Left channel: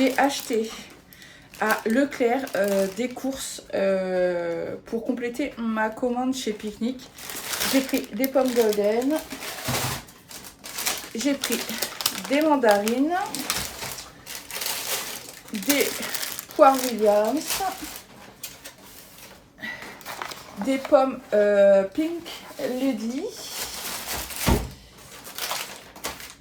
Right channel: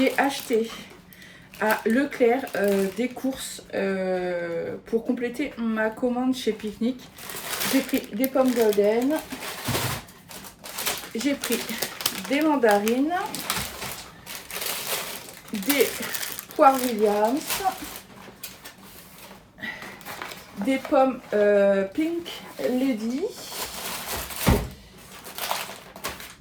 j'ai acheté à Leclerc des courses pour compléter ma commande chez Picnic. J'ai pris des pommes golden, j'ai pris des mandarines, des poires Williams, des pommes Pink Lady.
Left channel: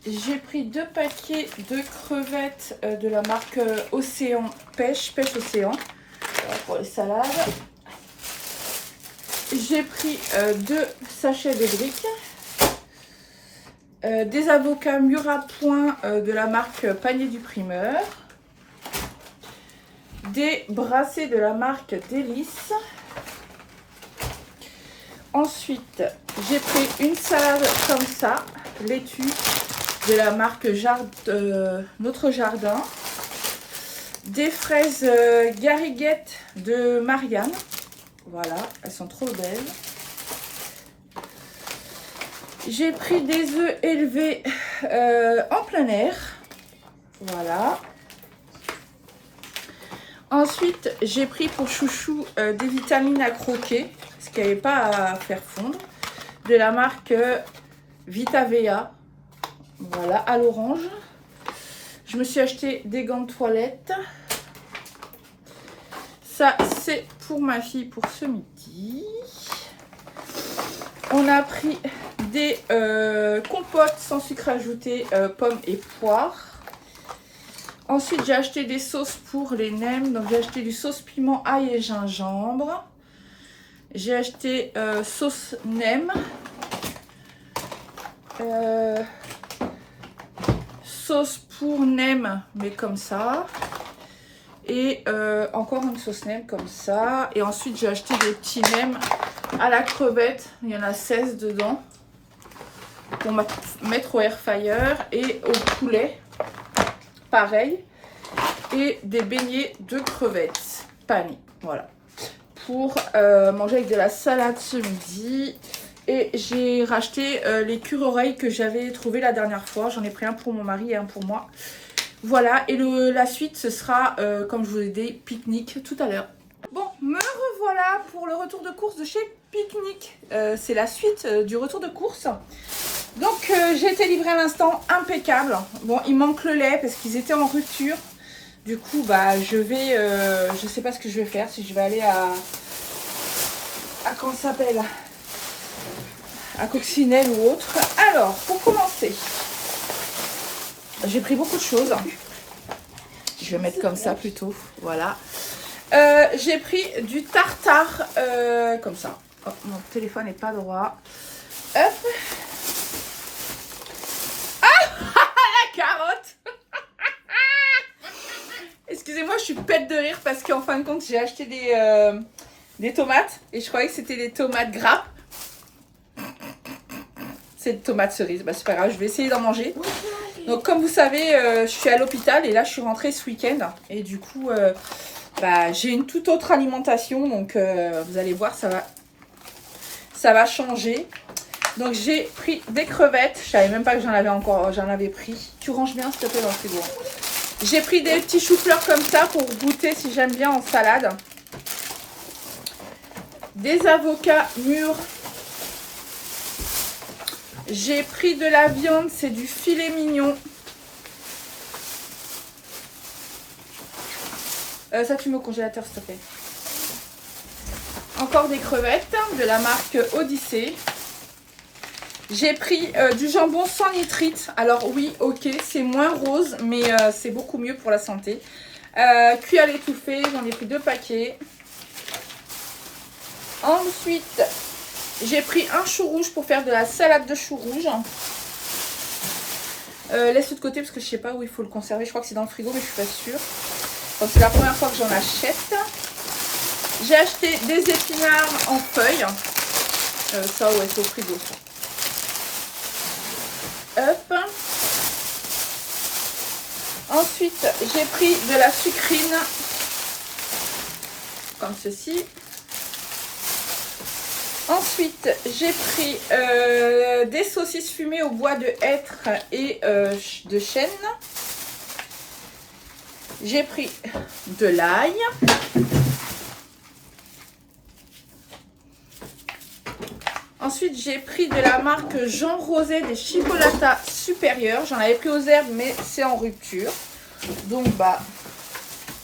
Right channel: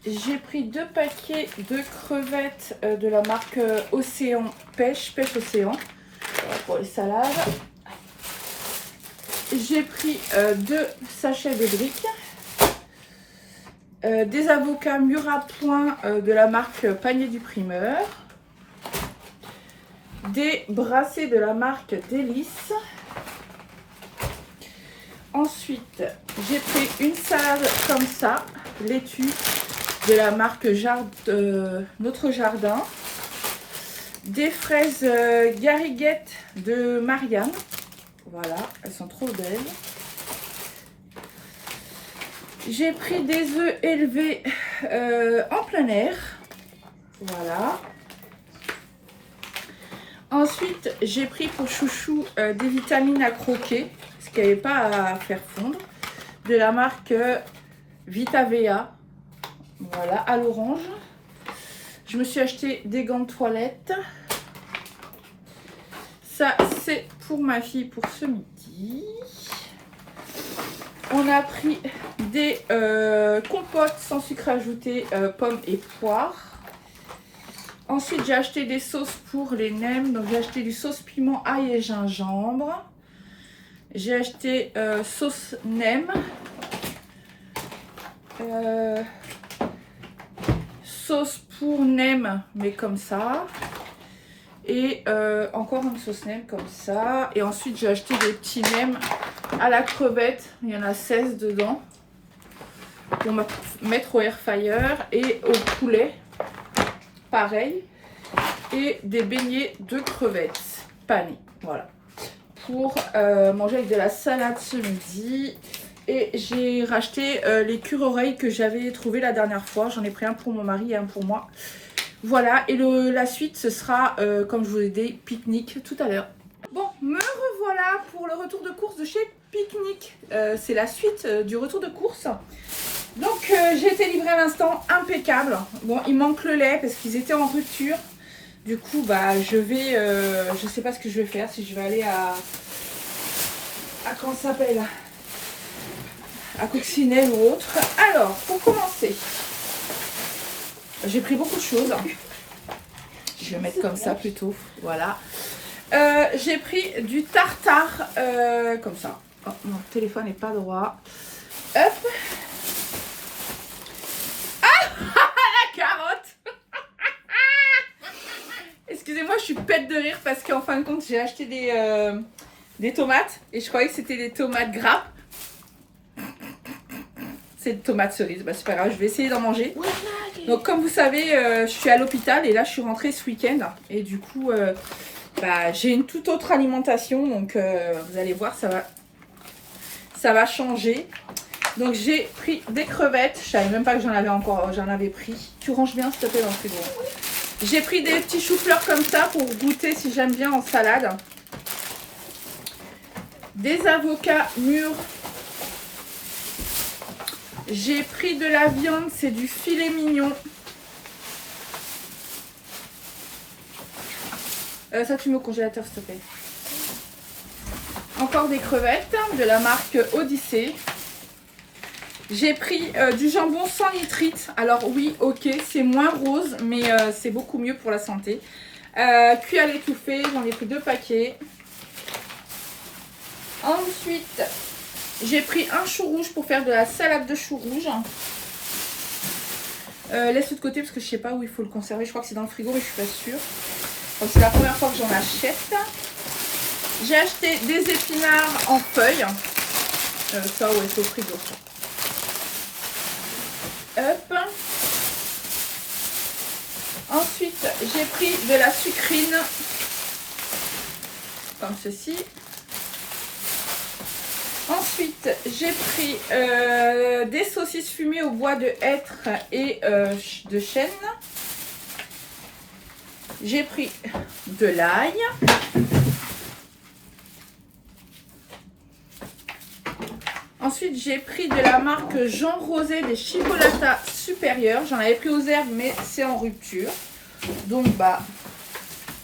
J'ai pris 2 paquets de crevettes de la marque Océan Pêche Océan pour les salades. J'ai pris 2 sachets de briques, des avocats mûrs à point de la marque Panier du Primeur, des brassées de la marque Délice. Ensuite, j'ai pris une salade comme ça, laitue, de la marque Notre Jardin, des fraises gariguettes de Marianne. Voilà, elles sont trop belles. J'ai pris des œufs élevés en plein air. Voilà. Ensuite, j'ai pris pour chouchou des vitamines à croquer, parce qu'il n'y avait pas à faire fondre, de la marque Vitavea. Voilà, à l'orange. Je me suis acheté des gants de toilette. Ça, c'est pour ma fille pour ce midi. On a pris des compotes sans sucre ajouté, pommes et poires. Ensuite, j'ai acheté des sauces pour les nems. Donc, j'ai acheté du sauce piment, ail et gingembre. J'ai acheté sauce nem. Sauce pour nem, mais comme ça. Et encore une sauce nem comme ça. Et ensuite, j'ai acheté des petits nems à la crevette. Il y en a 16 dedans. Pour mettre au air fryer. Et au poulet. Pareil. Et des beignets de crevettes panées. Voilà. Pour manger avec de la salade ce midi. Et j'ai racheté les cure-oreilles que j'avais trouvé la dernière fois. J'en ai pris un pour mon mari et un pour moi. Voilà, et la suite, ce sera, comme je vous l'ai dit, Picnic tout à l'heure. Bon, me revoilà pour le retour de course de chez Picnic. C'est la suite du retour de course. Donc, j'ai été livrée à l'instant, impeccable. Bon, il manque le lait parce qu'ils étaient en rupture. Du coup, bah, je sais pas ce que je vais faire. Si je vais aller à comment ça s'appelle, à Coccinelle ou autre. Alors, pour commencer, j'ai pris beaucoup de choses. Je vais mettre comme ça plutôt. Voilà. J'ai pris du tartare comme ça. Oh, mon téléphone n'est pas droit. Hop. Ah, la carotte. Excusez-moi, je suis pète de rire parce qu'en fin de compte, j'ai acheté des tomates et je croyais que c'était des tomates grappes. C'est des tomates cerises. Bah, c'est pas grave, je vais essayer d'en manger. Donc, comme vous savez, je suis à l'hôpital et là, je suis rentrée ce week-end. Et du coup, bah, j'ai une toute autre alimentation. Donc, vous allez voir, ça va changer. Donc, j'ai pris des crevettes. Je savais même pas que j'en avais pris. Tu ranges bien, s'il te plaît, dans le frigo. J'ai pris des petits choux-fleurs comme ça pour goûter si j'aime bien en salade. Des avocats mûrs. J'ai pris de la viande, c'est du filet mignon. Ça, tu mets au congélateur, s'il te plaît. Encore des crevettes de la marque Odyssée. J'ai pris du jambon sans nitrite. Alors oui, ok, c'est moins rose, mais c'est beaucoup mieux pour la santé. Cuit à l'étouffée, j'en ai pris 2 paquets. Ensuite, j'ai pris un chou rouge pour faire de la salade de chou rouge. Laisse-le de côté parce que je ne sais pas où il faut le conserver. Je crois que c'est dans le frigo, mais je ne suis pas sûre. Donc c'est la première fois que j'en achète. J'ai acheté des épinards en feuilles. Ça, ouais, c'est au frigo. Hop. Ensuite, j'ai pris de la sucrine. Comme ceci. Ensuite, j'ai pris des saucisses fumées au bois de hêtre et de chêne. J'ai pris de l'ail. Ensuite, j'ai pris de la marque Jean Rosé des chipolatas supérieurs. J'en avais pris aux herbes, mais c'est en rupture. Donc, bah,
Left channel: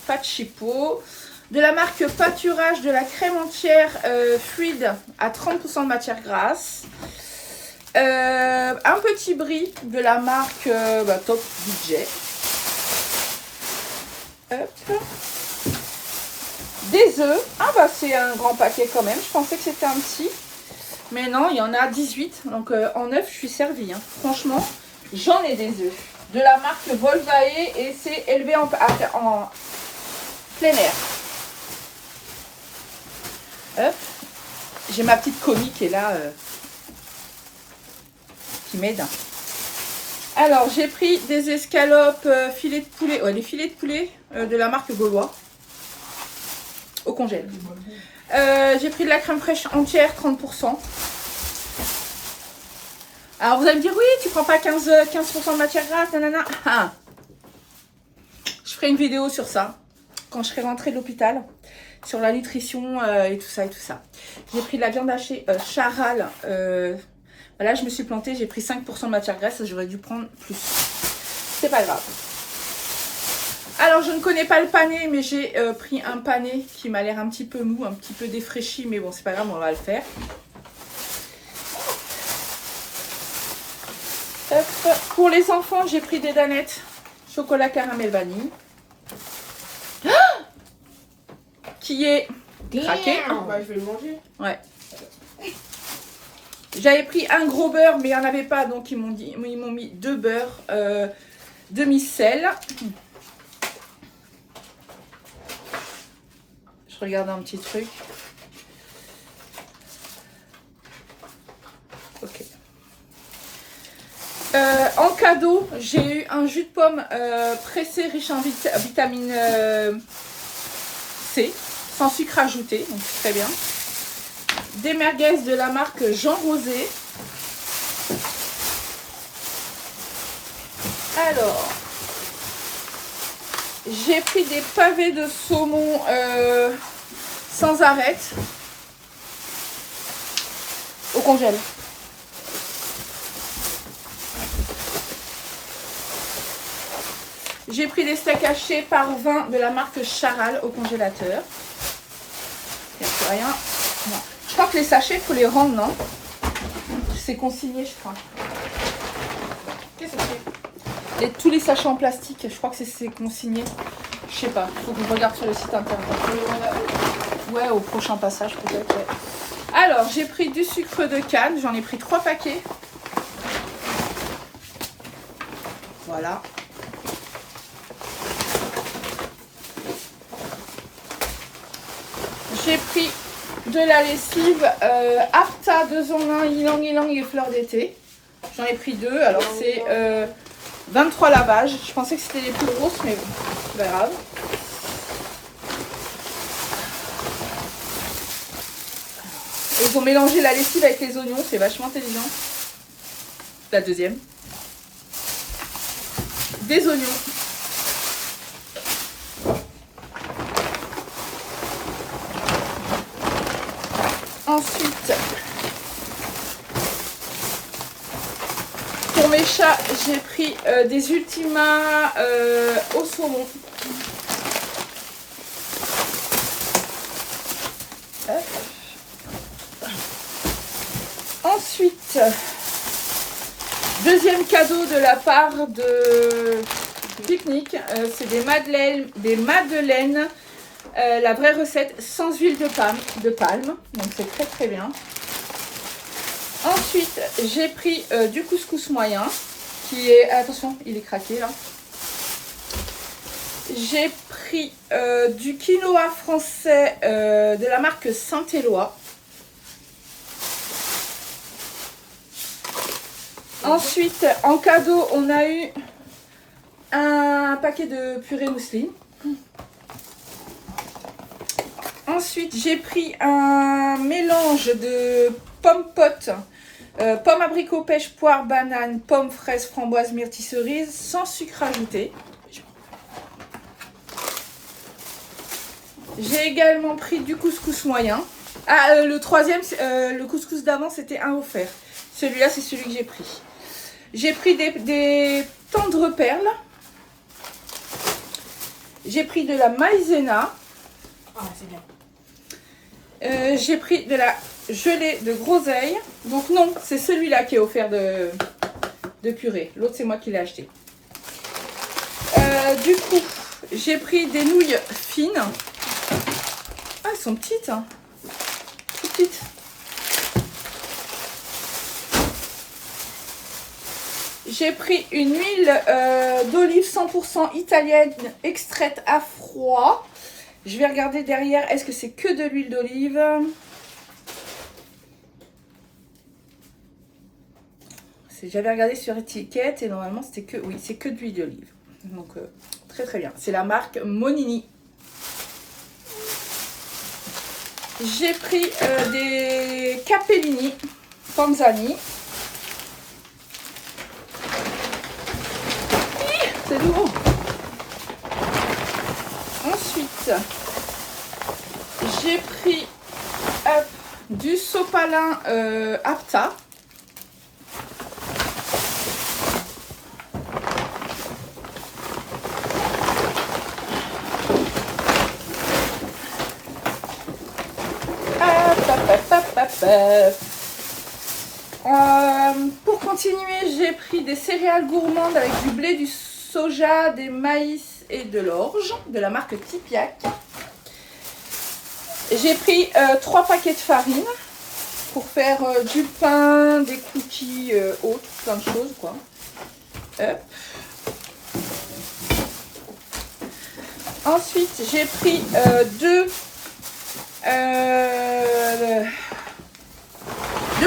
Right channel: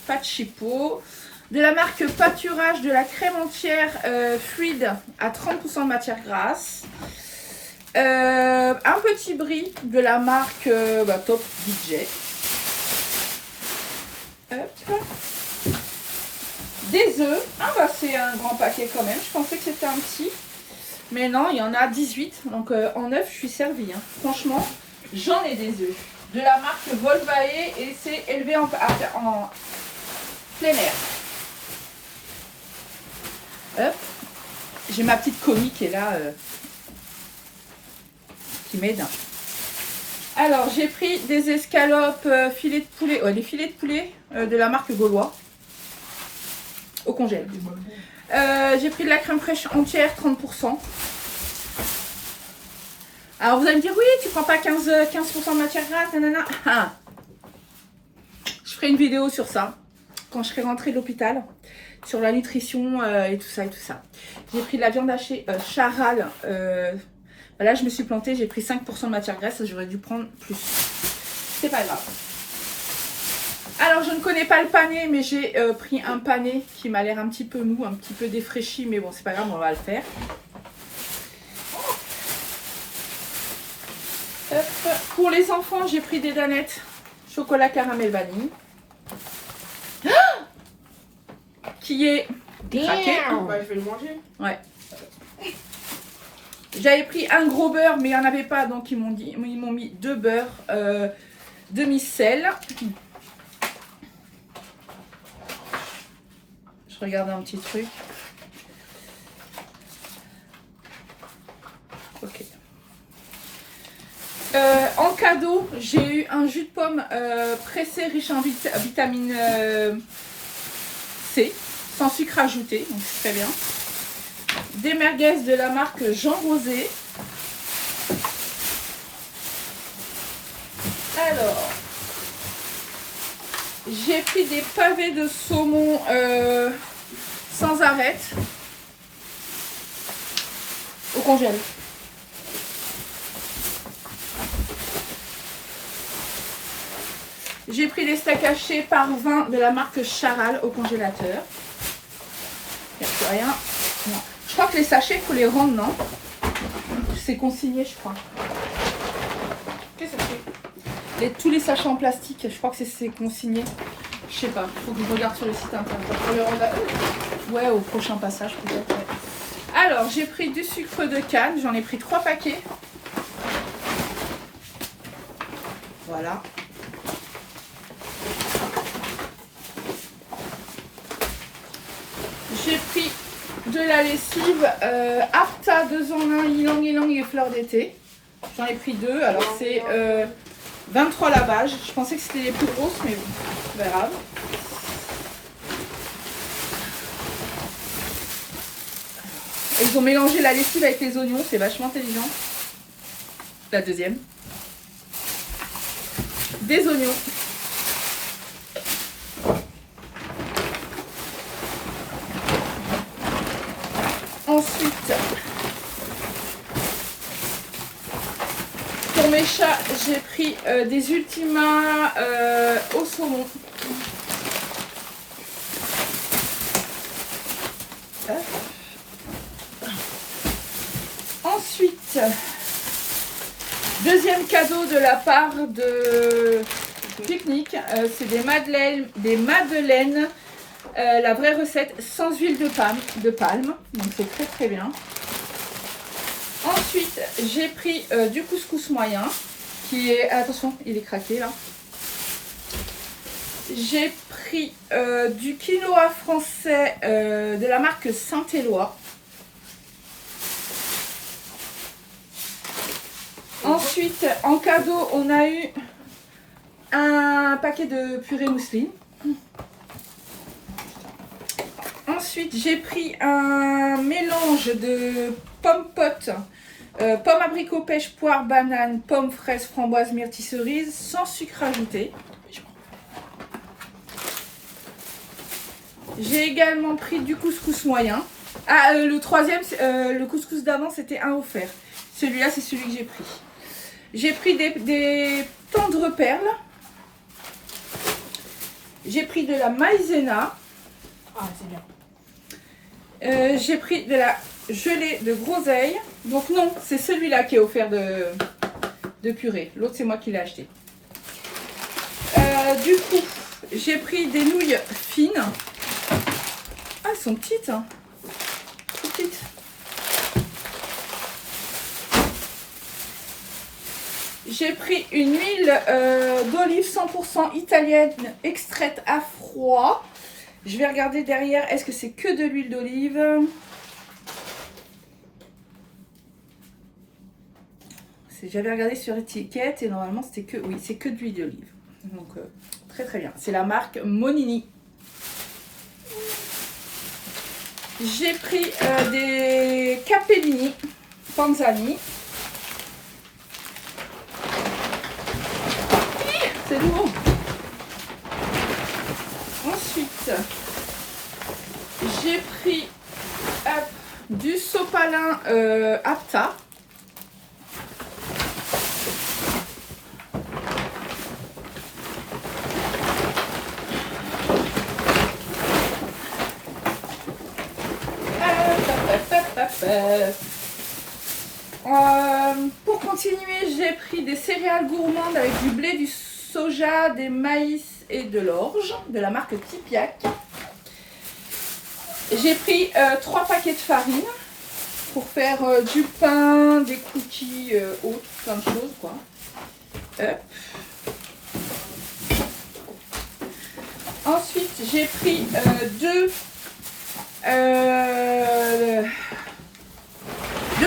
pas de chipot. De la marque Pâturage, de la crème entière fluide à 30% de matière grasse. Un petit brie de la marque Top Budget. Hop. Des œufs. Ah bah c'est un grand paquet quand même. Je pensais que c'était un petit. Mais non, il y en a 18. Donc en œufs, je suis servie. Hein. Franchement, j'en ai des œufs. De la marque Volvae et c'est élevé en plein air. Hop. J'ai ma petite commis qui est là. Qui m'aide. Alors, j'ai pris des escalopes filets de poulet. Ouais, les filets de poulet de la marque Gaulois. Au congèle. J'ai pris de la crème fraîche entière, 30%. Alors, vous allez me dire, oui, tu prends pas 15% de matière grasse, nanana. Ah. Je ferai une vidéo sur ça, quand je serai rentrée de l'hôpital, sur la nutrition et tout ça et tout ça. J'ai pris de la viande hachée Charal. Là, je me suis plantée, j'ai pris 5% de matière grasse, j'aurais dû prendre plus. C'est pas grave. Alors, je ne connais pas le pané, mais j'ai pris un pané qui m'a l'air un petit peu mou, un petit peu défraîchi, mais bon, c'est pas grave, on va le faire. Hop. Pour les enfants, j'ai pris des danettes chocolat caramel vanille. Ah, qui est craqué. Bah, je vais le manger. Ouais. J'avais pris un gros beurre, mais il n'y en avait pas, donc ils m'ont mis 2 beurres, demi-sel. Je regarde un petit truc. Ok. En cadeau, j'ai eu un jus de pomme pressé riche en vitamine C, sans sucre ajouté, donc c'est très bien. Des merguez de la marque Jean Rosé. Alors, j'ai pris des pavés de saumon sans arête au congèle. J'ai pris des steaks hachés par 20 de la marque Charal au congélateur. Il n'y a plus rien. Non. Je crois que les sachets, il faut les rendre, non? C'est consigné, je crois. Qu'est-ce que c'est? Tous les sachets en plastique, je crois que c'est consigné. Je sais pas, il faut que je regarde sur le site internet. Faut les rendre à eux. Ouais, au prochain passage peut-être. Ouais. Alors, j'ai pris du sucre de canne, j'en ai pris 3 paquets. Voilà. J'ai pris de la lessive Apta 2 en 1, ylang ylang et fleurs d'été. J'en ai pris 2, alors c'est 23 lavages. Je pensais que c'était les plus grosses, mais bon, c'est pas grave. Et ils ont mélangé la lessive avec les oignons, c'est vachement intelligent. La deuxième. Des oignons. Ensuite, pour mes chats, j'ai pris des Ultima au saumon. Ensuite, deuxième cadeau de la part de Picnic, c'est des madeleines. La vraie recette sans huile de palme, donc c'est très très bien. Ensuite, j'ai pris du couscous moyen, qui est, attention, il est craqué là. J'ai pris du quinoa français de la marque Saint-Éloi. Ensuite, en cadeau, on a eu un paquet de purée mousseline. Ensuite, j'ai pris un mélange de pommes potes, pommes abricot, pêche, poire, banane, pommes, fraises, framboises, myrtilles, cerises, sans sucre ajouté. J'ai également pris du couscous moyen. Ah, le troisième, le couscous d'avant, c'était un offert. Celui-là, c'est celui que j'ai pris. J'ai pris des tendres perles. J'ai pris de la maïzena. Ah, c'est bien. J'ai pris de la gelée de groseille. Donc non, c'est celui-là qui est offert de purée. L'autre, c'est moi qui l'ai acheté. Du coup, j'ai pris des nouilles fines. Ah, elles sont petites. Hein. Tout petites. J'ai pris une huile d'olive 100% italienne extraite à froid. Je vais regarder derrière, est-ce que c'est que de l'huile d'olive? J'avais regardé sur étiquette et normalement c'était que, oui, c'est que de l'huile d'olive. Donc très très bien. C'est la marque Monini. J'ai pris des capellini Panzani. C'est lourd. Ensuite, j'ai pris du sopalin Apta. Pour continuer, j'ai pris des céréales gourmandes avec du blé, du soja, des maïs et de l'orge de la marque Tipiak. J'ai pris 3 paquets de farine pour faire du pain, des cookies, autres, plein de choses quoi. Hop. Ensuite, j'ai pris deux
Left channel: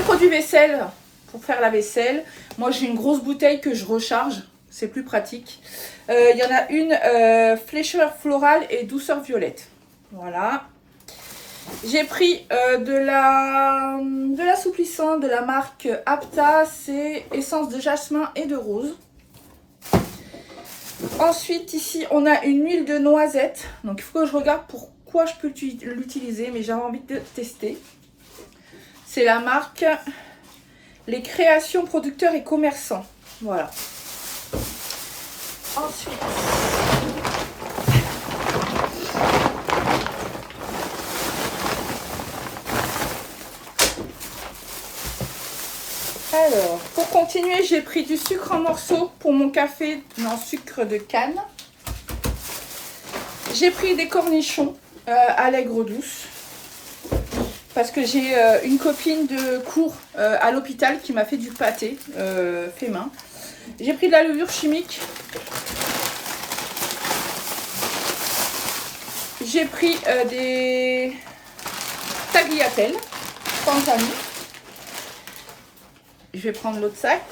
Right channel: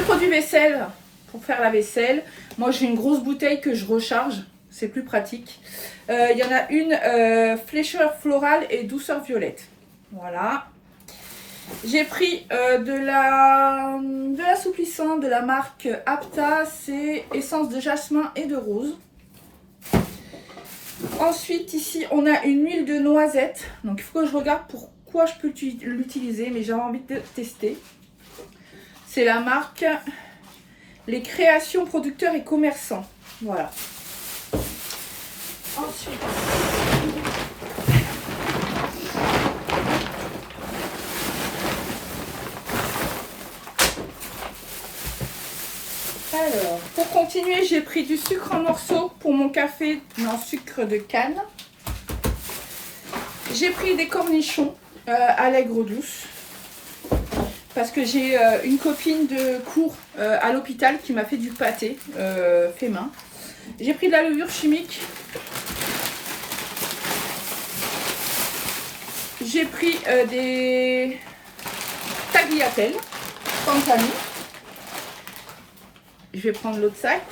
produits vaisselle pour faire la vaisselle. Moi, j'ai une grosse bouteille que je recharge. C'est plus pratique. Il y en a une flécheur florale et douceur violette. Voilà. J'ai pris de l'assouplissant de la marque Apta. C'est essence de jasmin et de rose. Ensuite, ici, on a une huile de noisette. Donc, il faut que je regarde pourquoi je peux l'utiliser. Mais j'avais envie de tester. C'est la marque Les Créations Producteurs et Commerçants. Voilà. Ensuite, alors, pour continuer, j'ai pris du sucre en morceaux pour mon café en sucre de canne. J'ai pris des cornichons allègre douce. Parce que j'ai une copine de cours à l'hôpital qui m'a fait du pâté fait main. J'ai pris de la levure chimique. J'ai pris des tagliatelles Panzani. Je vais prendre l'autre sac.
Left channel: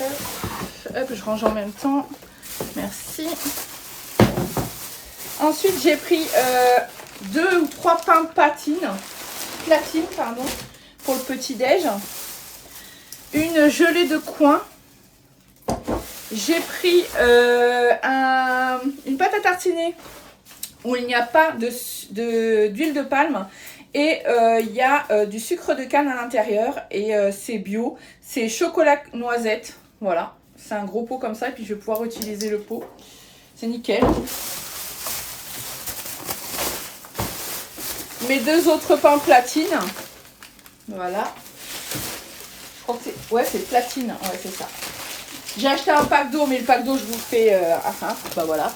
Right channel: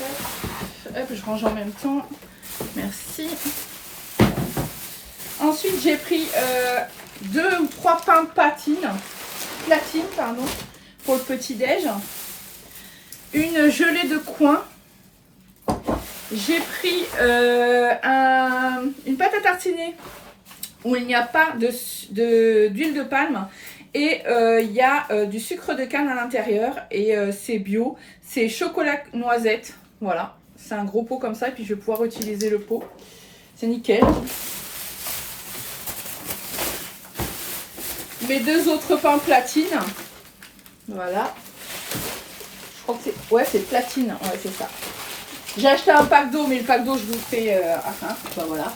Hop, je range en même temps. Merci. Ensuite, j'ai pris 2 ou 3 pains platine, pardon, pour le petit-déj. Une gelée de coin. J'ai pris une pâte à tartiner où il n'y a pas d'huile de palme. Et il y a du sucre de canne à l'intérieur. Et c'est bio. C'est chocolat noisette. Voilà. C'est un gros pot comme ça. Et puis je vais pouvoir utiliser le pot. C'est nickel. Mes 2 autres pains platine. Voilà. Je crois que c'est... Ouais, c'est platine. Ouais, c'est ça. J'ai acheté un pack d'eau, mais le pack d'eau, je vous le fais à fin. Bah voilà.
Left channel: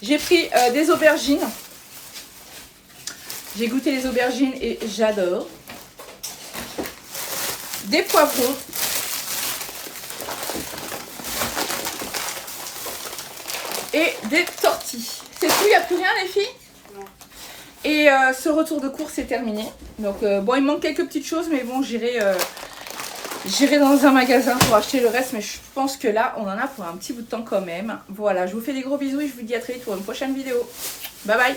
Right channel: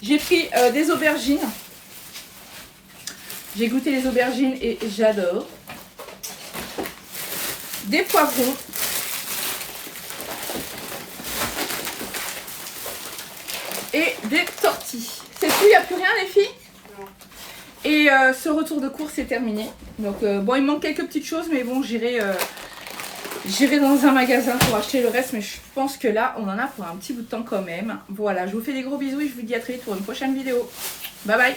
J'ai pris des aubergines. J'ai goûté les aubergines et j'adore. Des poivrons. Et des tortilles. C'est tout, il n'y a plus rien les filles? Et ce retour de course est terminé. Donc bon, il manque quelques petites choses, mais bon, j'irai dans un magasin pour acheter le reste. Mais je pense que là, on en a pour un petit bout de temps quand même. Voilà, je vous fais des gros bisous et je vous dis à très vite pour une prochaine vidéo. Bye bye.